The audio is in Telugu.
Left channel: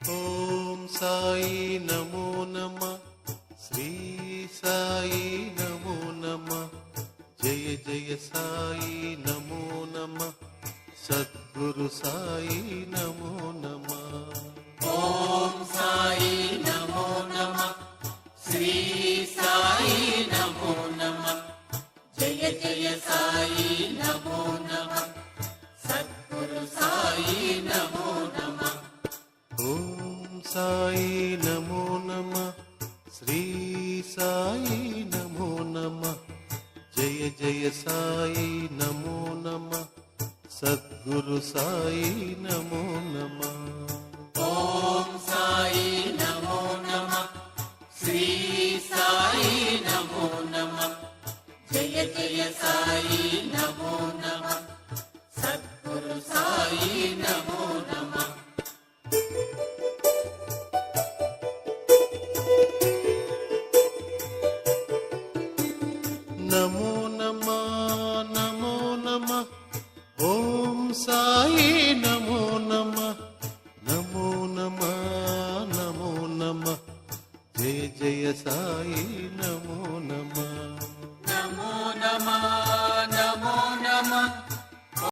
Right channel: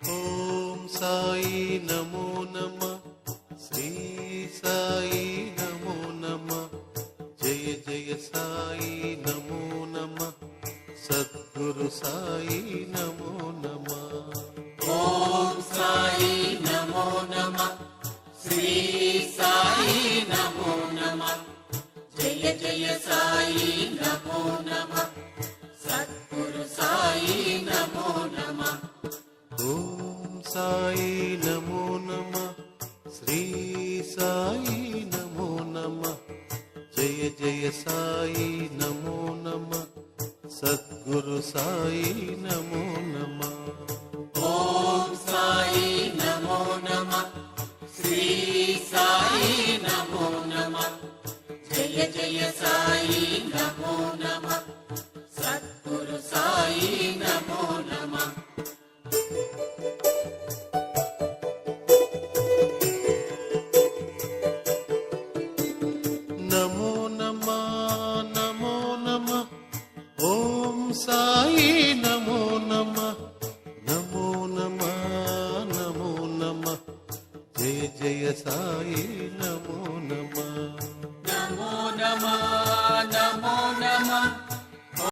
ఓం సాయి నమో నమ, శ్రీ సాయి నమో నమ, జయ జయ సాయి నమో నమ, సద్గురు సాయి నమో నమ. ఓం సాయి నమో నమ, శ్రీ సాయి నమో నమ, జయ జయ సాయి నమో నమ, సద్గురు సాయి నమో నమ. ఓం సాయి నమో నమ, శ్రీ సాయి నమో నమ, జయ జయ సాయి నమో నమ, సద్గురు సాయి నమో నమ. ఓం సాయి నమో నమ, శ్రీ సాయి నమో నమ, జయ జయ సాయి నమో నమ, సద్గురు సాయి నమో నమ. నమో నమ నమో నమ, ఓం సాయి నమో నమ, నమో నమ నమో నమ, జయ జయ సాయి నమో నమ. నమో నమ నమో నమ